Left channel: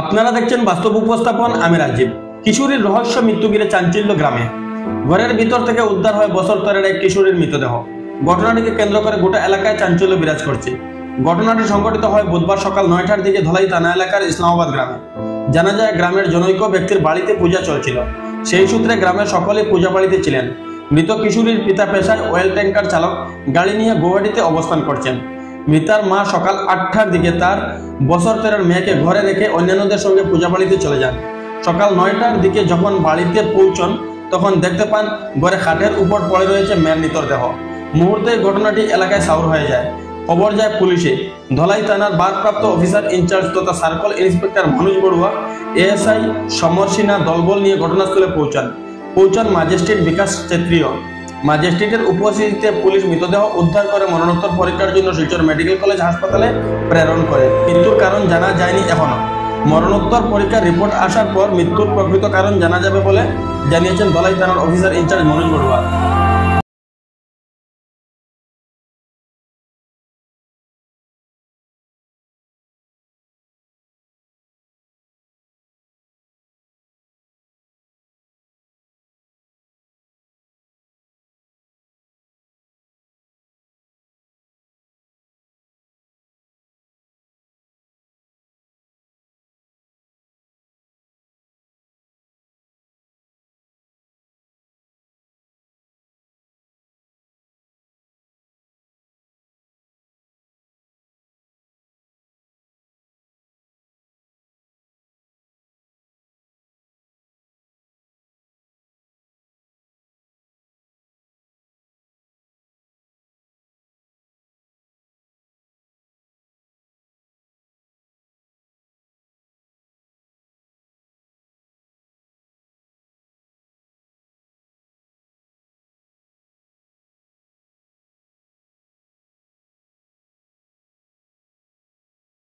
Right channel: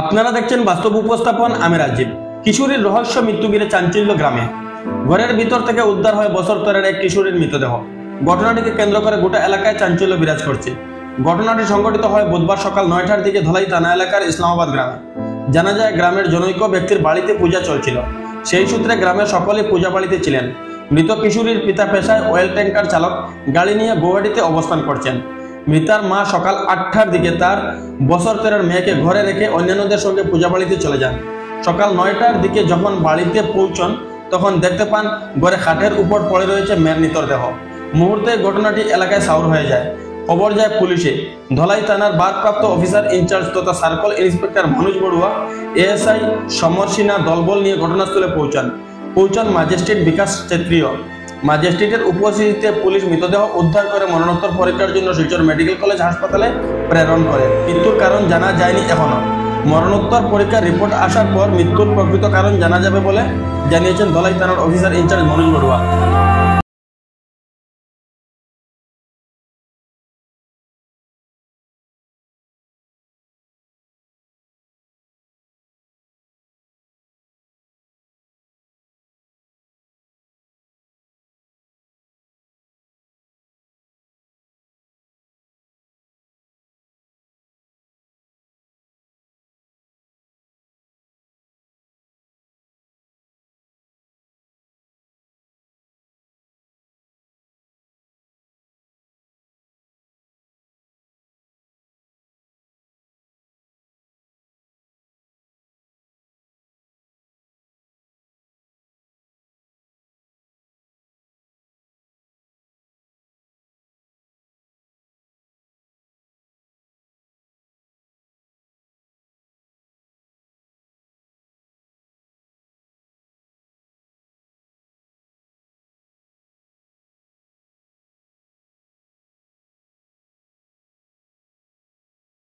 আপনারা দেখছেন বাস্তব উপস্থাপন। আমি রাজীব। কিশোরীর রহস্য মৃত্যু ঘিরে চাঞ্চল্য গ্রামে। ঘরের ভিতর থেকে উদ্ধার হয় বছর তরের এক কিশোরীর মৃতদেহ। ঘটনাটিকে কেন্দ্র করে গোটা এলাকায় চাঞ্চল্য বিরাজ করছে। ঘটনাটি সংঘটিত হয় বুধবার সকাল 9টার দিকে ধলাই থানা এলাকার ইসলামাবাদ গ্রামে। জানা যায় গ্রামের জনৈক ব্যক্তির বাড়িতে পূজা চলছিল। সেই সূত্রে গ্রামের সকলে পূজা বাড়িতে ছিলেন। মৃত কিশোরীর পিতা পেশায় অয়েল ট্যাঙ্কার চালক, গাড়ি নিয়ে গুয়াহাটিতে অবস্থান করছেন। মৃতার মা সকাল 8টার দিকে তার বছর তেরোর মেয়েকে ঘরে রেখে অন্যান্যদের সঙ্গে পূজা বাড়িতে চলে যান। সকাল 9টার দিকে যখন বাড়িতে পৌঁছন তখন দেখতে পান ঘরে খাটের উপর পড়ে রয়েছে মেয়ের মৃতদেহ। মুহূর্তে ঘটনাটি এলাকায় সাউর হয়ে যায়। খবর যায় পুলিশে। ধলাই থানার ভারপ্রাপ্ত অফিসার ইনচার্জ তথা circle inspector Manoj Barua, ASI Samar Sinha দলবল নিয়ে ঘটনাস্থলে পৌঁছান ম্যাজিস্ট্রেট বিকাশ ছেত্রীয়। ম্যাজিস্ট্রেটের উপস্থিতিতে পুলিশ মৃতদেহ উদ্ধার করে মরণোত্তর পরীক্ষার জন্য শিলচর মেডিকেল কলেজ হাসপাতালে প্রেরণ করে। মৃত্যুর কারণ জানা যায়নি এখনো। মরণোত্তর পরীক্ষার রিপোর্ট আসার পর মৃত্যুর প্রকৃত কারণ জানা যাবে বলে জানিয়েছেন ধলাই থানার অফিসার ইনচার্জ মনোজ বড়ুয়া।